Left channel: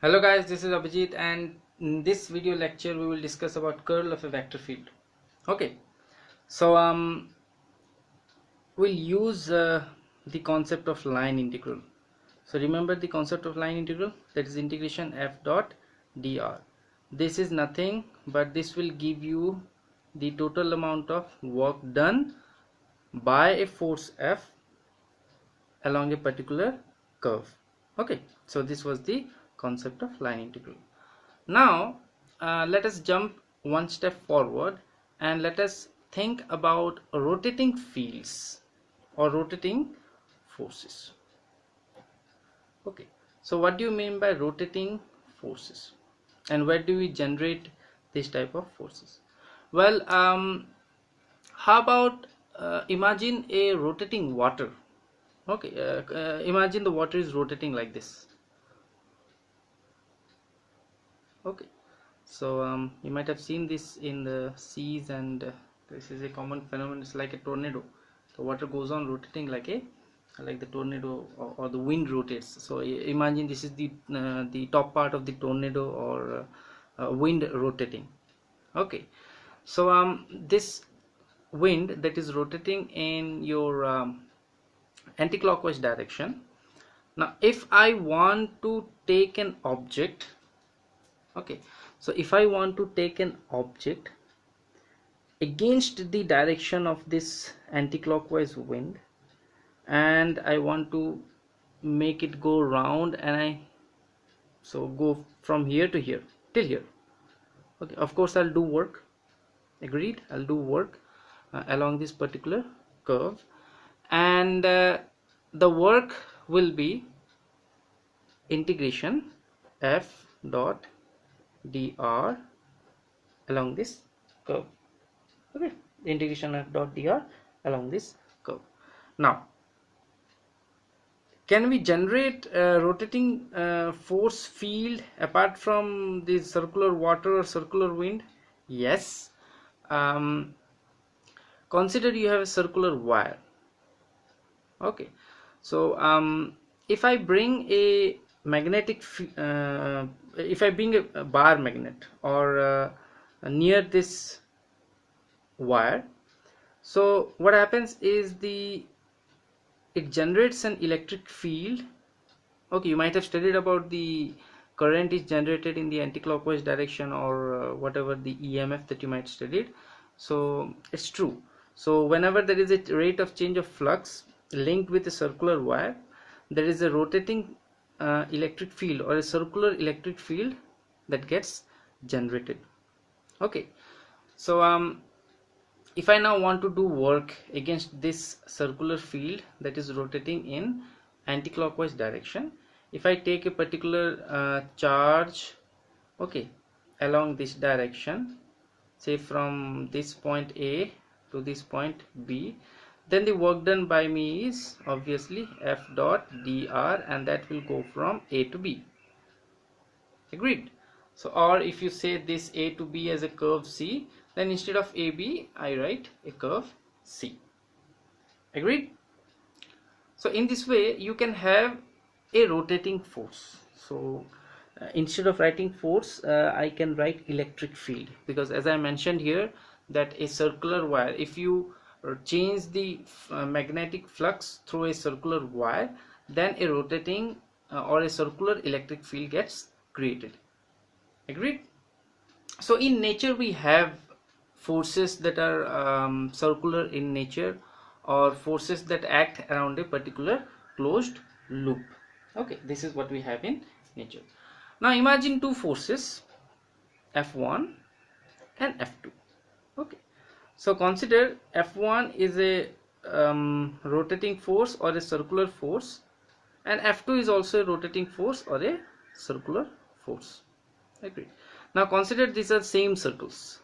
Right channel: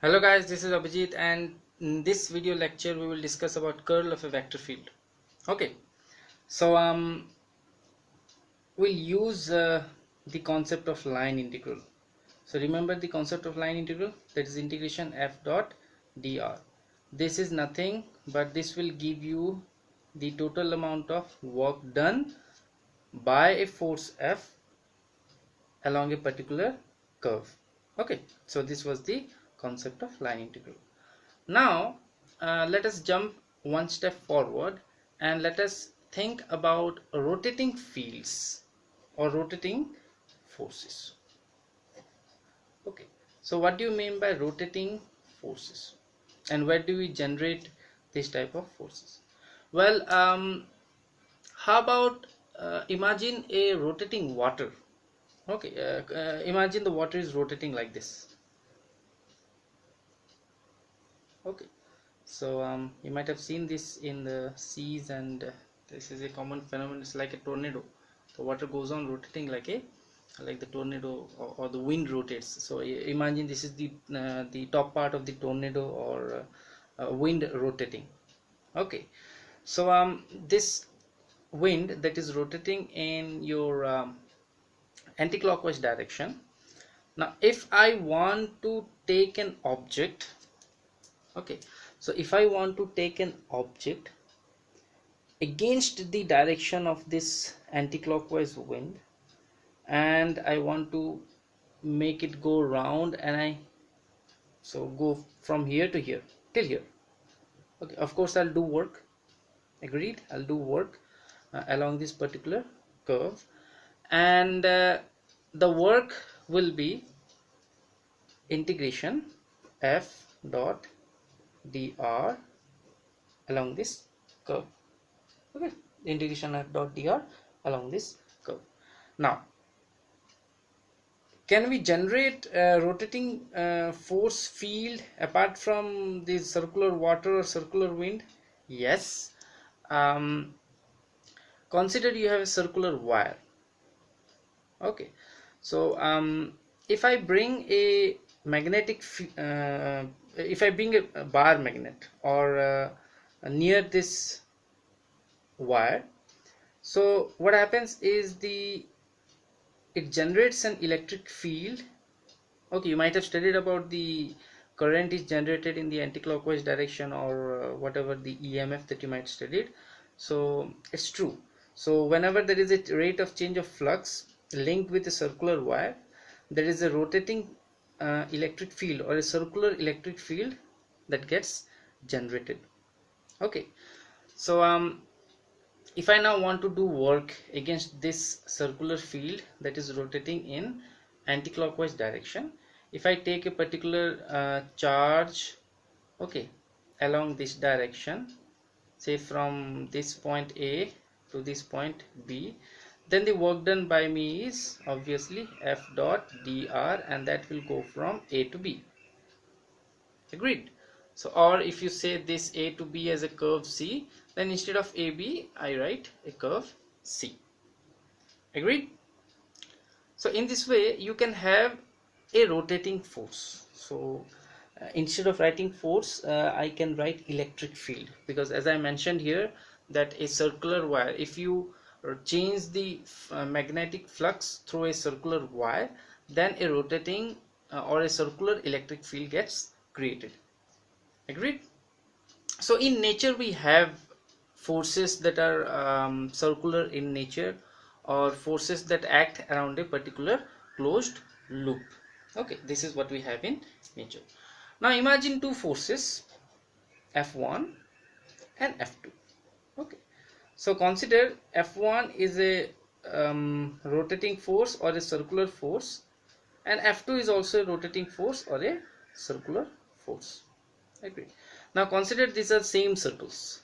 Hello guys, this is Abhijit, and in this video lecture we will discuss about curl of a vector field. Okay, so we'll use the concept of line integral. So remember the concept of line integral, that is integration f dot dr. This is nothing but this will give you the total amount of work done by a force f along a particular curve. Okay, so this was the concept of line integral. Now let us jump one step forward and let us think about rotating fields or rotating forces. Okay, so what do you mean by rotating forces, and where do we generate this type of forces? Well, how about imagine a rotating water. Okay, imagine the water is rotating like this. Okay, so you might have seen this in the seas, and this is a common phenomenon. It's like a tornado. The water goes on rotating like the tornado, or the wind rotates. So imagine this is the top part of the tornado, or wind rotating. Okay, so this wind that is rotating in your anti-clockwise direction. Now if I want to take an object, okay, so if I want to take an object against the direction of this anti-clockwise wind, and I want to make it go round, and I go from here to here till here. Okay, of course I'll do work. Agreed, I'll do work along this particular curve, and the work will be integration f dot dr along this curve. Okay, integration f dot dr along this curve. Now can we generate a rotating force field apart from the circular water or circular wind? Yes. Consider you have a circular wire. Okay, so if I bring a magnetic if I bring a bar magnet or near this wire, so what happens is it generates an electric field. Okay, you might have studied about the current is generated in the anti-clockwise direction, or whatever the EMF that you might studied. So it's true. So whenever there is a rate of change of flux linked with a circular wire, there is a rotating electric field or a circular electric field that gets generated. Okay, so if I now want to do work against this circular field that is rotating in anti-clockwise direction, if I take a particular charge, okay, along this direction, say from this point A to this point B, then the work done by me is obviously f dot dr, and that will go from A to B. Agreed? So, or if you say this A to B as a curve C, then instead of AB I write a curve C. Agreed? So in this way you can have a rotating force. So instead of writing force, I can write electric field, because as I mentioned here that a circular wire, if you change the magnetic flux through a circular wire, then a rotating or a circular electric field gets created. Agreed? So in nature we have forces that are circular in nature, or forces that act around a particular closed loop. Okay, this is what we have in nature. Now imagine two forces, F1 and F2. Okay, so consider F1 is a rotating force or a circular force, and F2 is also a rotating force or a circular force. Agree. Now consider these are same circles.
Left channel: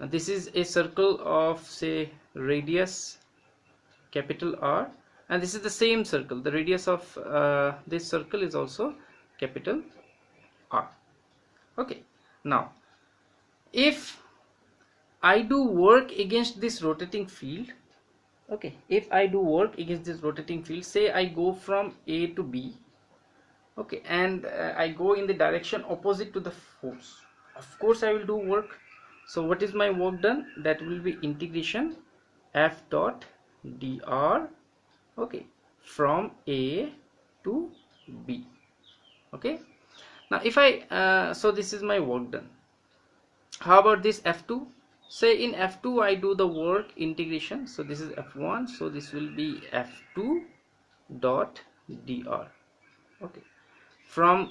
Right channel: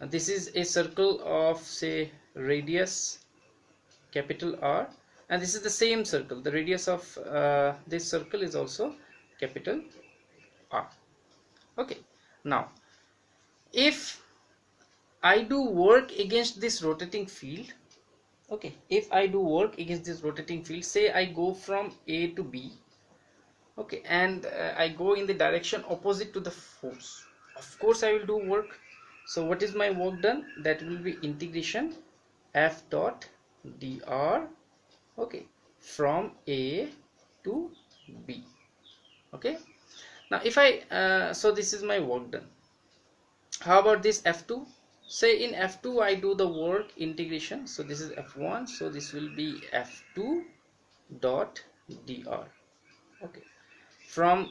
This is a circle of, say, radius capital R, and this is the same circle. The radius of this circle is also capital R. Okay, now if I do work against this rotating field, okay, if I do work against this rotating field, say I go from A to B, okay, and I go in the direction opposite to the force, of course I will do work. So what is my work done? That will be integration F dot dr, okay, from A to B. Okay, now if I so this is my work done. How about this F2? Say in F2 I do the work integration, so this is F1, so this will be F2 dot dr, okay, from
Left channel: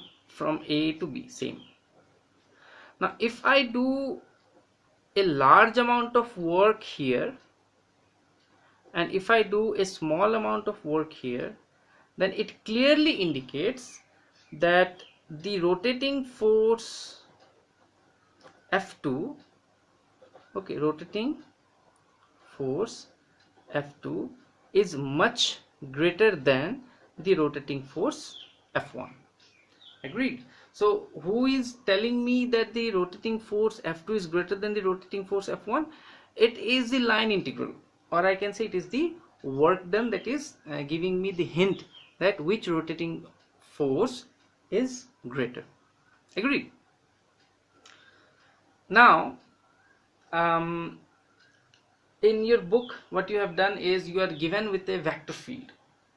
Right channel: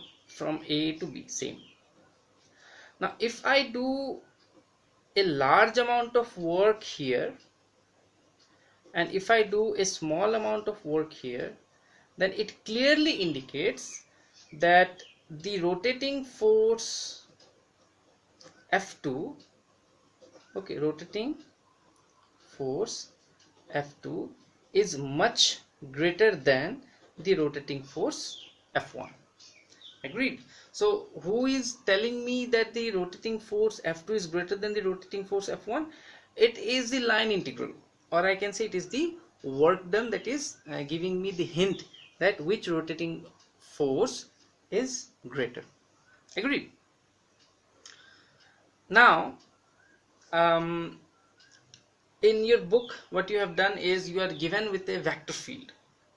A to B, same. Now if I do a large amount of work here and if I do a small amount of work here, then it clearly indicates that the rotating force F2, okay, rotating force F2 is much greater than the rotating force F1. Agreed? So who is telling me that the rotating force F2 is greater than the rotating force F1? It is the line integral, or I can say it is the work done that is giving me the hint that which rotating force is greater. Agreed? Now in your book what you have done is you are given with a vector field.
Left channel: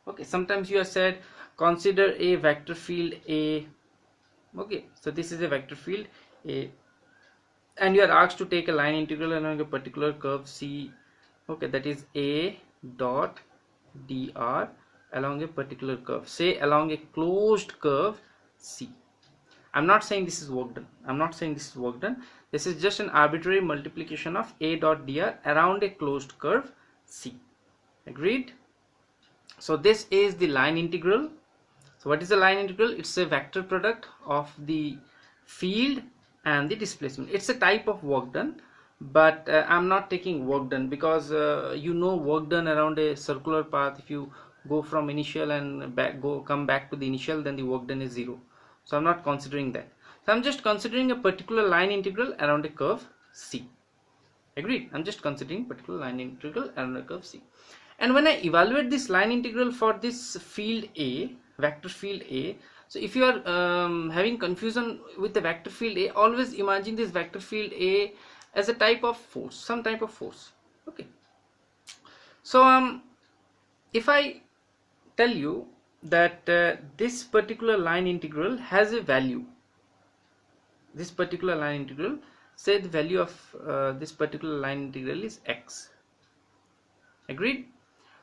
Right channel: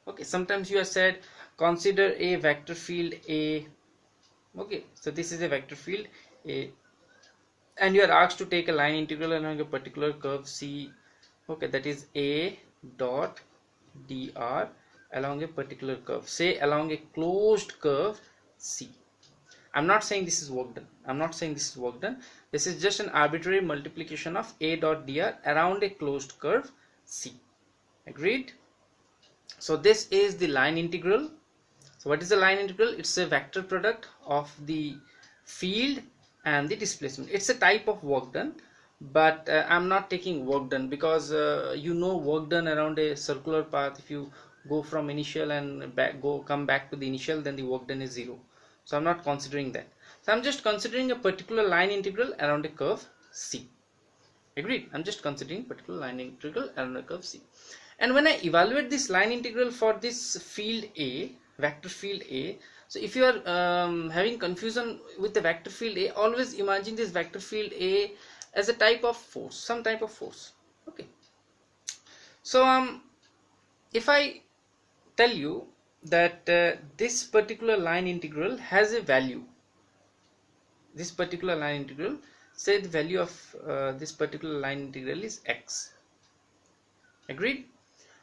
Okay, sometimes you have said consider a vector field A. Okay, so this is a vector field A and you are asked to take a line integral along a particular curve C. Okay, that is A dot dr along a particular curve, say along a closed curve C. I'm not saying this is work done. I'm not saying this is work done. This is just an arbitrary multiplication of A dot dr around a closed curve C. Agreed? So this is the line integral. So what is the line integral? It's a vector product of the field and the displacement. It's a type of work done, but I'm not taking work done because you know work done around a circular path. If you go from initial and come back to the initial, then the work done is 0. So I'm not considering that. So I'm just considering a particular line integral around a curve C. Agreed? I'm just considering particular line integral around a curve C. And when I evaluate this line integral for this field A, vector field A, so if you are having confusion with the vector field A, always imagine this vector field A as a type of force, some type of force. Okay. So if I tell you that this particular line integral has a value, this particular line integral, say the value of this particular line integral is x. Agreed?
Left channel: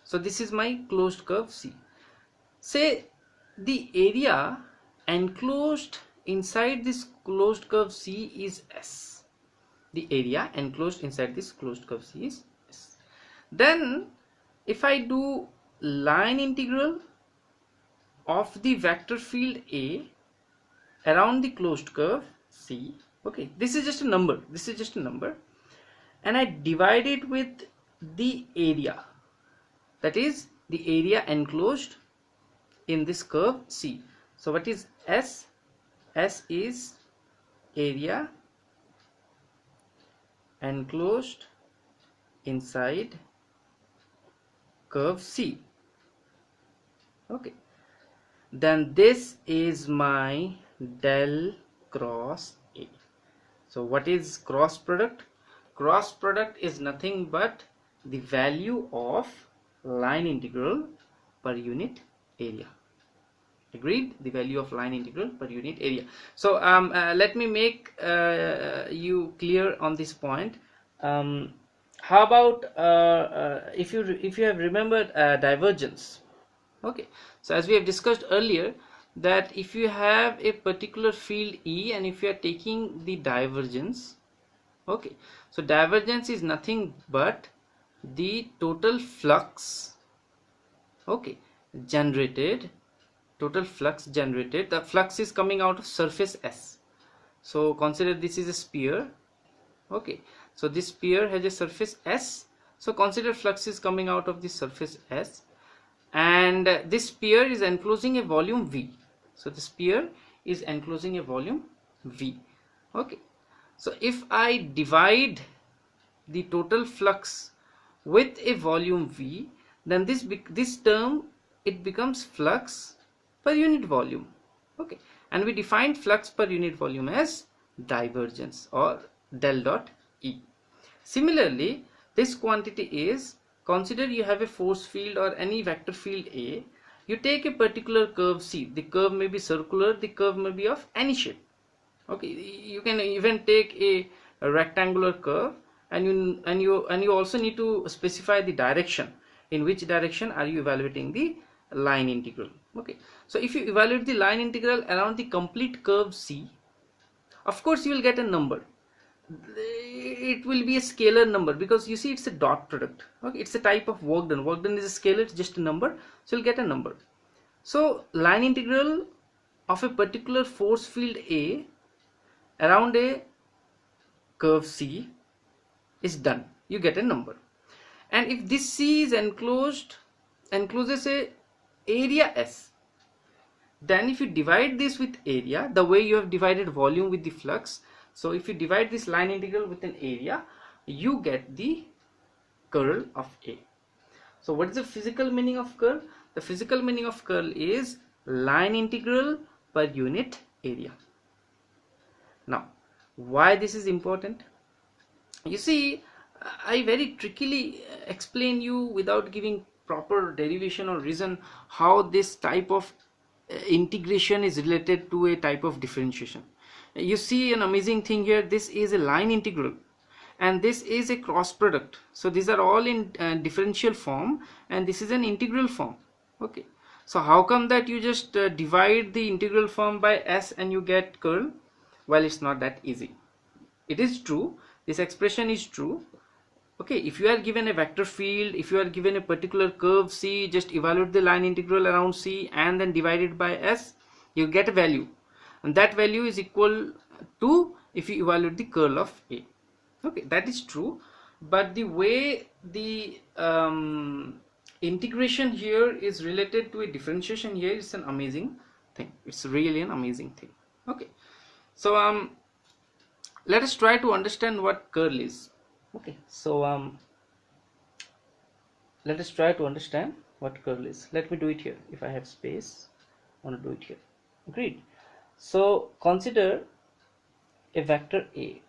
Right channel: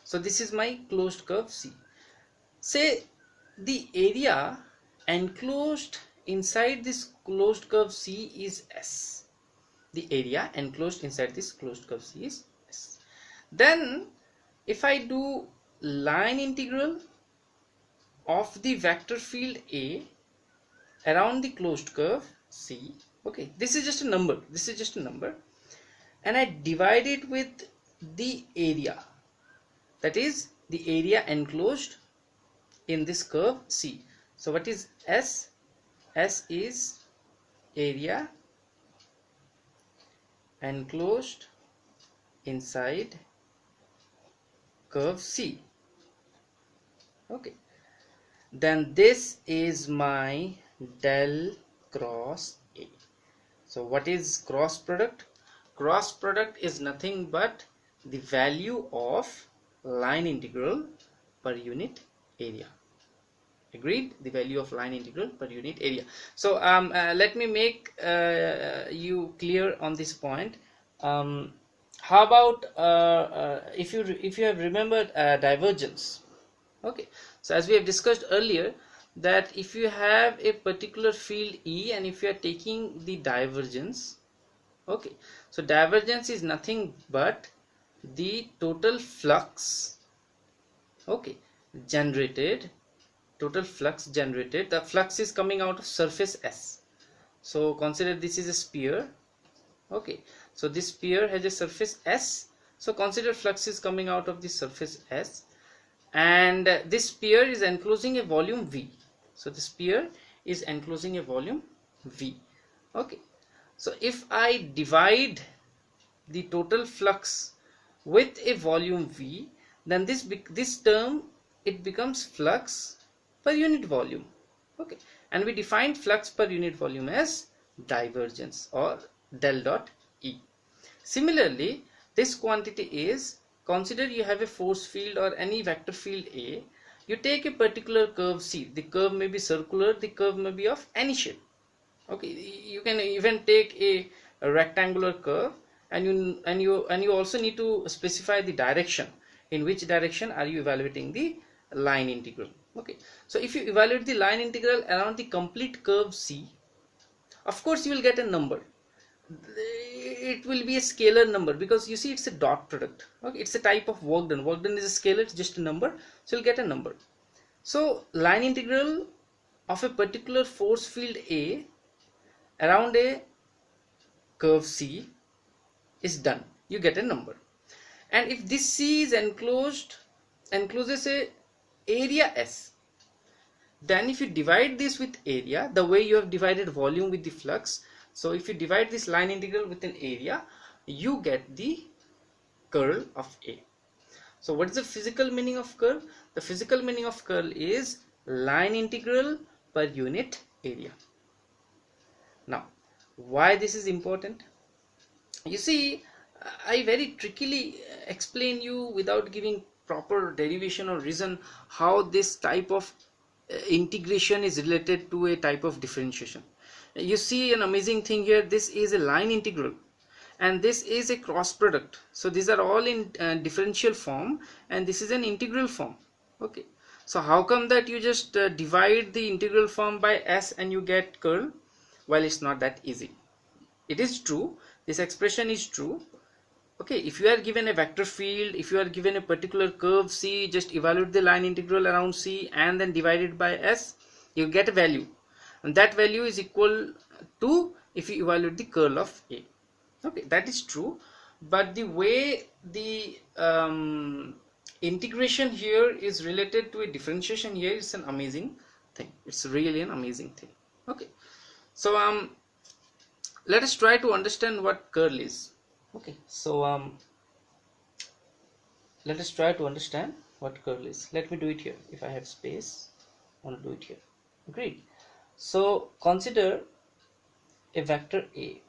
So this is my closed curve C. Say the area enclosed inside this closed curve C is S. The area enclosed inside this closed curve C is S. Then if I do line integral of the vector field A around the closed curve C, okay, this is just a number, this is just a number, and I divide it with the area, that is the area enclosed in this curve C. So what is S? S is area enclosed inside curve C. Okay, then this is my del cross A. So what is cross product? Cross product is nothing but the value of line integral per unit area. Agreed? The value of line integral per unit area. So let me make you clear on this point. How about if you have remembered divergence? Okay, so as we have discussed earlier, that if you have a particular field E and if you are taking the divergence, okay, so divergence is nothing but the total flux, okay, generated, total flux generated. The flux is coming out of surface S. So consider this is a sphere. Okay, so this sphere has a surface S. So consider flux is coming out of the surface S, and this sphere is enclosing a volume V. So the sphere is enclosing a volume V. Okay, so if I divide the total flux with a volume V, then this term, it becomes flux per unit volume. Okay, and we defined flux per unit volume as divergence or del dot E. Similarly, this quantity is, consider you have a force field or any vector field A. You take a particular curve C. The curve may be circular, the curve may be of any shape. Okay, you can even take a rectangular curve, and you also need to specify the direction. In which direction are you evaluating the line integral? Okay, so if you evaluate the line integral around the complete curve C, of course you will get a number. It will be a scalar number because you see it's a dot product. Okay, it's a type of work done. Work done is a scalar, it's just a number, so you'll get a number. So line integral of a particular force field A around a curve C is done. You get a number. And if this C is encloses a area S, then if you divide this with area, the way you have divided volume with the flux, so if you divide this line integral with an area, you get the curl of A. So what is the physical meaning of curl? The physical meaning of curl is line integral per unit area. Now, why this is important? You see, I very trickily explain you without giving proper derivation or reason how this type of integration is related to a type of differentiation. You see an amazing thing here. This is a line integral and this is a cross product. So these are all in differential form and this is an integral form. Okay, so how come that you just divide the integral form by S and you get curl? Well, it's not that easy. It is true, this expression is true. Okay, if you are given a vector field, if you are given a particular curve C, just evaluate the line integral around C and then divide it by S, you get a value, and that value is equal to if you evaluate the curl of A. Okay, that is true, but the way the integration here is related to a differentiation here is an amazing thing. It's really an amazing thing. Okay, so let us try to understand what curl is. Okay, so let us try to understand what curl is. Let me do it here. If I have space, I want to do it here. Agreed. So consider a vector A.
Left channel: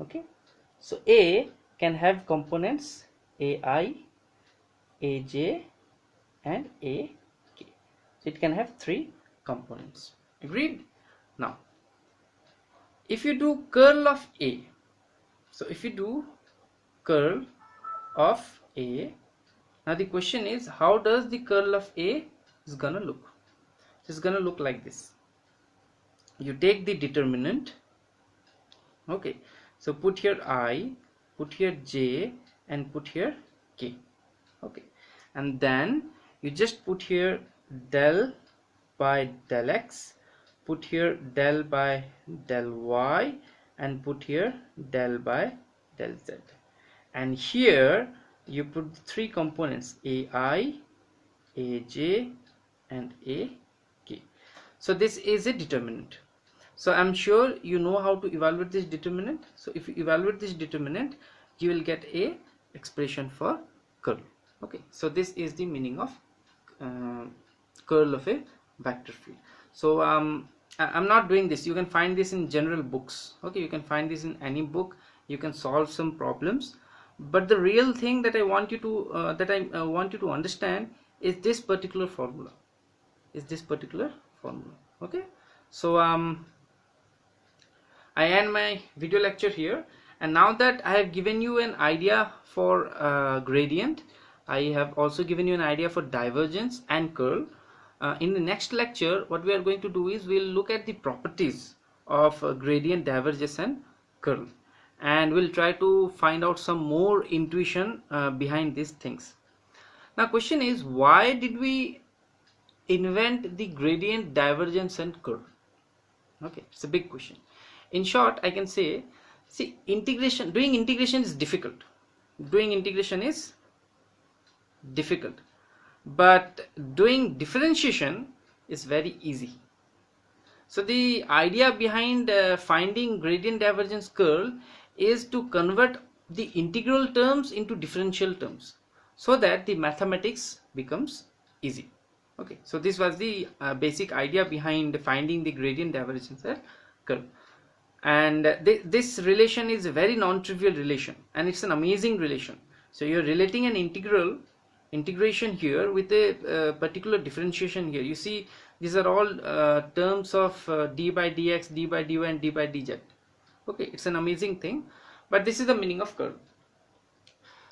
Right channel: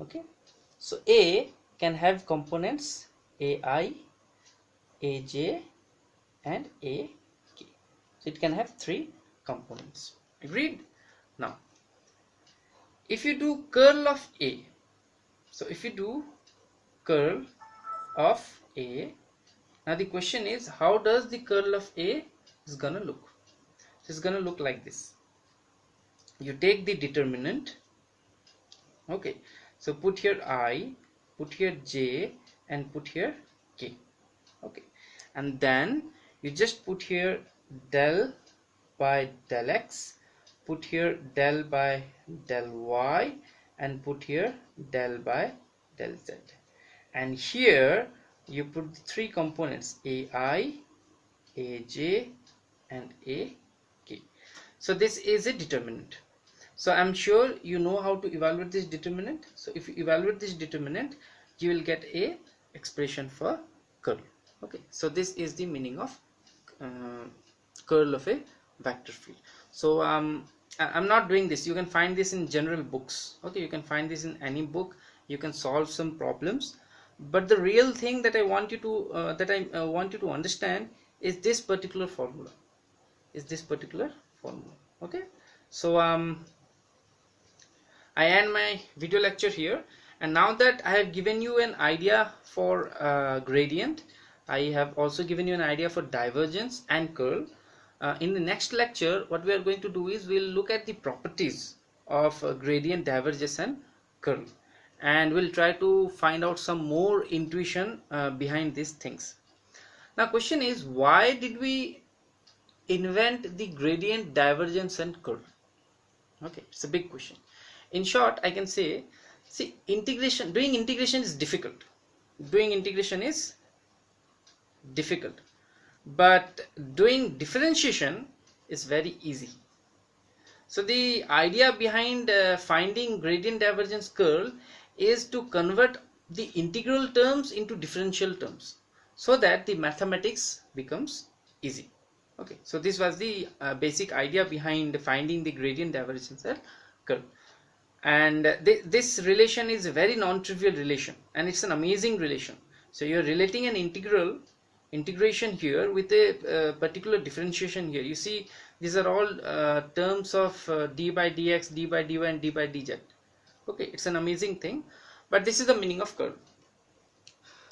Okay, so A can have components AI, AJ and AK. So it can have 3 components. Agreed. Now if you do curl of A, so if you do curl of A, now the question is, how does the curl of A is gonna look? It's gonna look like this. You take the determinant. Okay, so put here I, put here J and put here K. Okay, and then you just put here del by del X, put here del by del Y and put here del by del Z, and here you put the 3 components AI, AJ and AK. So this is a determinant. So I'm sure you know how to evaluate this determinant. So if you evaluate this determinant, you will get a expression for curl. Okay, so this is the meaning of curl of a vector field. So I'm not doing this. You can find this in general books. Okay, you can find this in any book. You can solve some problems, but the real thing that I want you to understand is this particular formula. Okay, so I end my video lecture here, and now that I have given you an idea for gradient, I have also given you an idea for divergence and curl. In the next lecture, what we are going to do is we'll look at the properties of gradient, divergence and curl, and we'll try to find out some more intuition behind these things. Now question is, why did we invent the gradient, divergence and curl? Okay, it's a big question. In short, I can say, see, doing integration is difficult. But doing differentiation is very easy. So the idea behind finding gradient, divergence, curl is to convert the integral terms into differential terms so that the mathematics becomes easy. Okay, so this was the basic idea behind finding the gradient divergence curve. And this relation is a very non-trivial relation, and it's an amazing relation. So you're relating an integration here with a particular differentiation here. You see, these are all terms of d by dx, d by dy, and d by dz. Okay, it's an amazing thing, but this is the meaning of curve.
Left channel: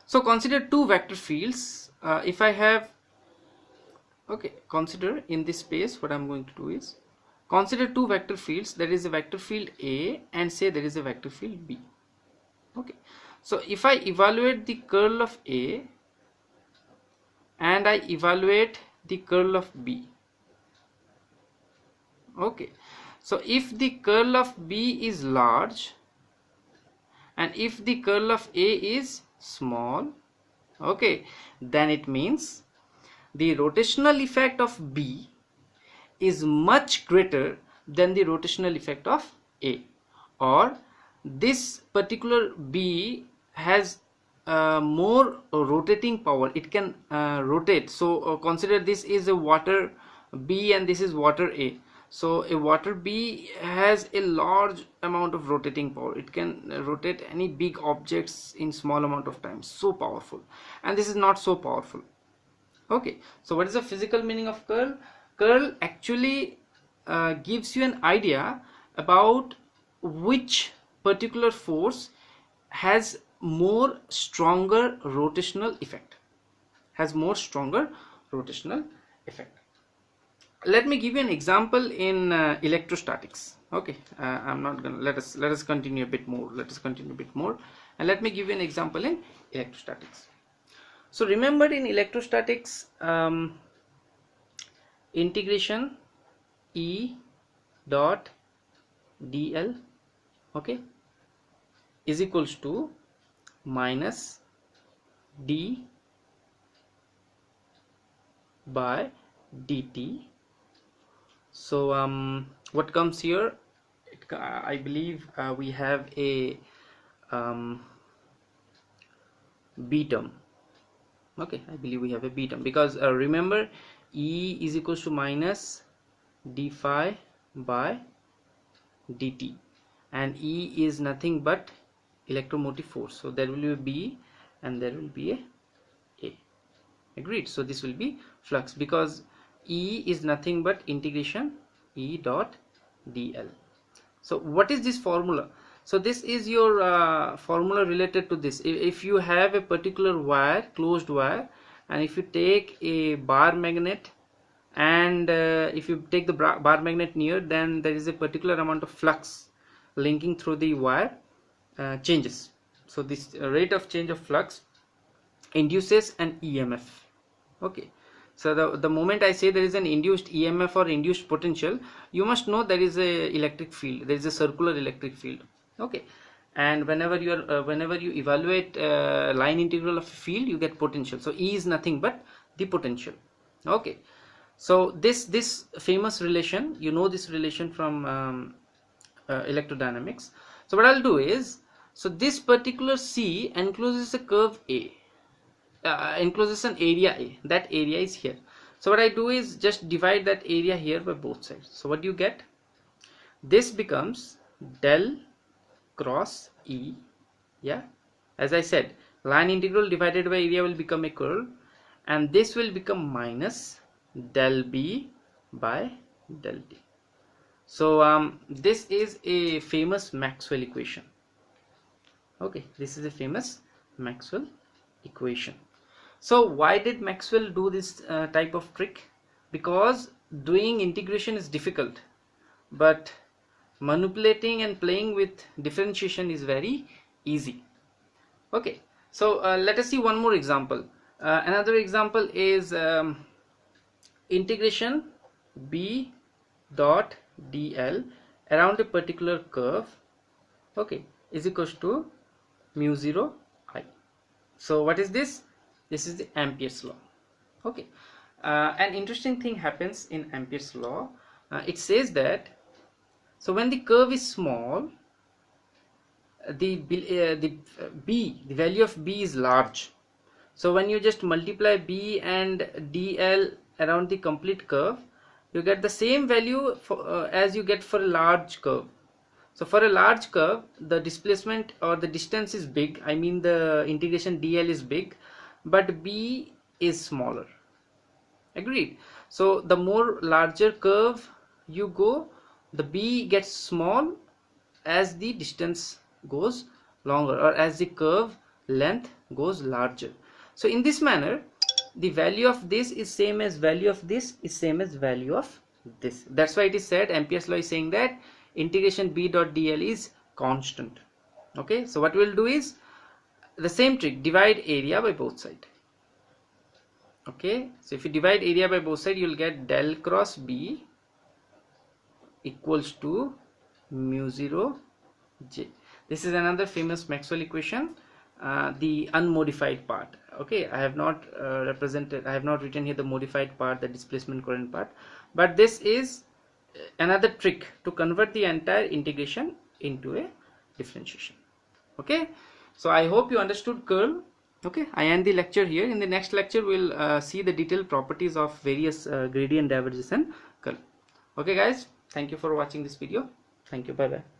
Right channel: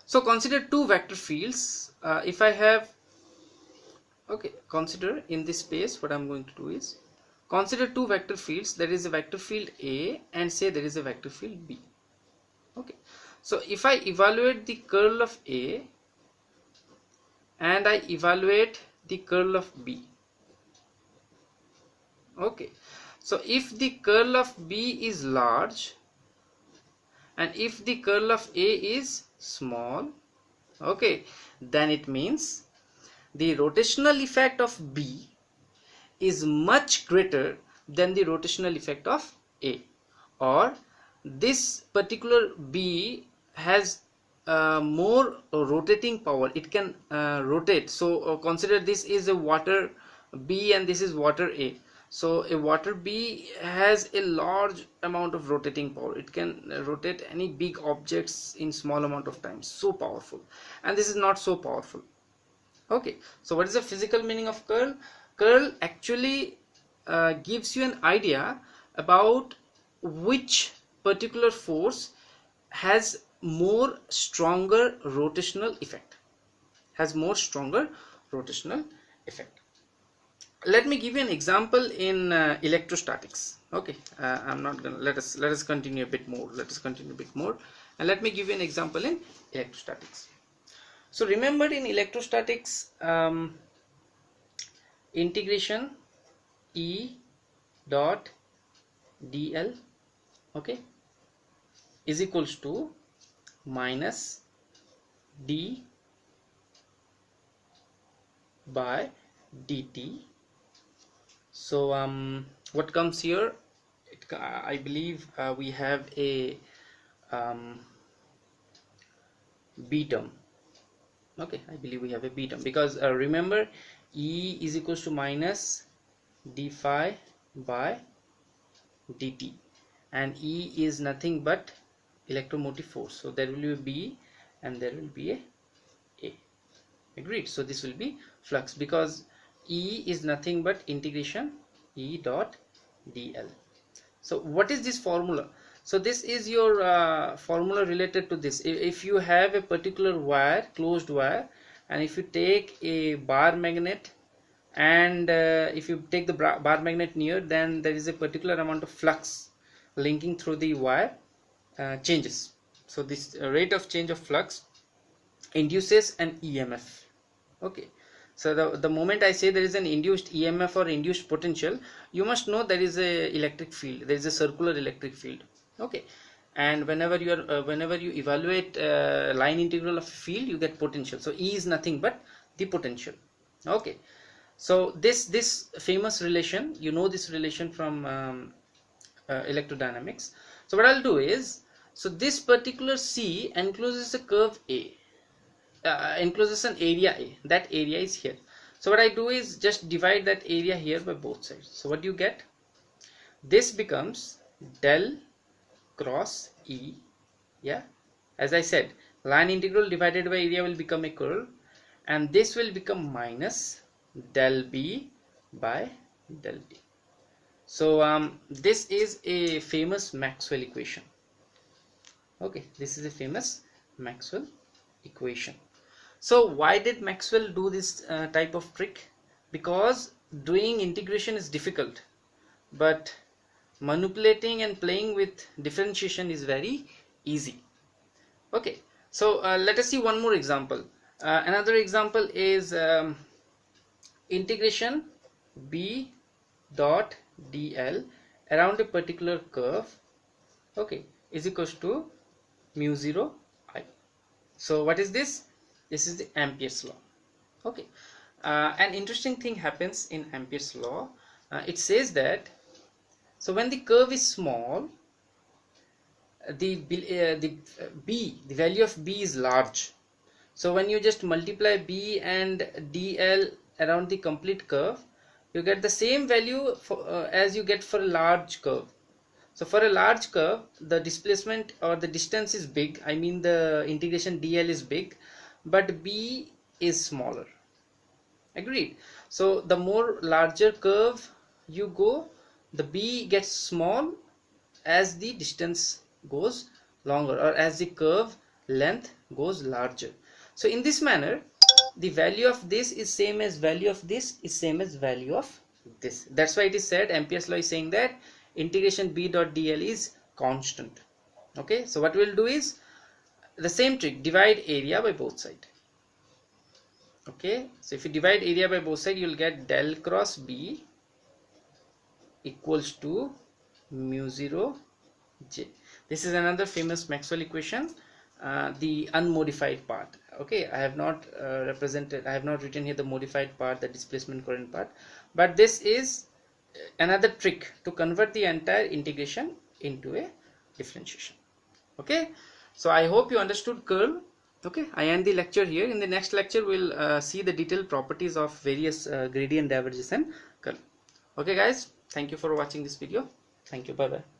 So consider two vector fields. If I have, okay, consider in this space, what I'm going to do is consider two vector fields. There is a vector field A and say there is a vector field B. Okay, so if I evaluate the curl of A and I evaluate the curl of B, okay, so if the curl of B is large and if the curl of A is small, okay, then it means the rotational effect of B is much greater than the rotational effect of A, or this particular B has more rotating power. It can rotate. So consider this is a water B and this is water A. So a water B has a large amount of rotating power. It can rotate any big objects in small amount of time. So powerful. And this is not so powerful. Okay, so what is the physical meaning of curl? Curl actually gives you an idea about which particular force has more stronger rotational effect. Let me give you an example in electrostatics. Okay, I'm not gonna let us continue a bit more. And let me give you an example in electrostatics. So remember, in electrostatics, integration E dot dl, okay, is equals to minus d by dt. So what comes here? I believe we have a b term. Okay, I believe we have a b term because remember, E is equals to minus d phi by dt, and E is nothing but electromotive force. So there will be a B and there will be a. Agreed? So this will be flux because E is nothing but integration E dot dl. So what is this formula? So this is your formula related to this. If you have a particular wire, closed wire, and if you take a bar magnet and if you take the bar magnet near, then there is a particular amount of flux linking through the wire changes. So this rate of change of flux induces an EMF. Okay, so the moment I say there is an induced EMF or induced potential, you must know there is a electric field, there is a circular electric field. Okay, and whenever you evaluate line integral of a field, you get potential. So E is nothing but the potential. Okay, so this famous relation, you know this relation from electrodynamics. So what I'll do is, so this particular C encloses a curve A, encloses an area A. That area is here. So what I do is just divide that area here by both sides. So what do you get? This becomes del cross E. Yeah, as I said, line integral divided by area will become a curl, and this will become minus del B by del D. So this is a famous Maxwell equation. Okay, this is a famous Maxwell equation. So why did Maxwell do this type of trick? Because doing integration is difficult, but manipulating and playing with differentiation is very easy. Okay, so let us see one more example. Another example is integration B dot dl around a particular curve, okay, is equals to mu 0 I. So what is this? This is the Ampere's law. Okay, an interesting thing happens in Ampere's law. It says that, so when the curve is small, the value of B is large. So when you just multiply B and dl around the complete curve, you get the same value for, as you get for a large curve. So for a large curve, the displacement or the distance is big, I mean the integration dl is big, but b is smaller. Agreed? So the more larger curve you go, the b gets small as the distance goes longer, or as the curve length goes larger. So in this manner, the value of this is same as value of this is same as value of this. That's why it is said, Ampere's law is saying that integration b dot dl is constant. Okay, so what we'll do is the same trick, divide area by both sides. Okay, so if you divide area by both sides, you'll get del cross b equals to mu 0 j. This is another famous Maxwell equation, the unmodified part. Okay, I have not written here the modified part, the displacement current part, but this is another trick to convert the entire integration into a differentiation. Okay, so I hope you understood curl. Okay, I end the lecture here. In the next lecture, we'll see the detailed properties of various gradient, divergence and curl. Okay guys, thank you for watching this video. Thank you, bye bye.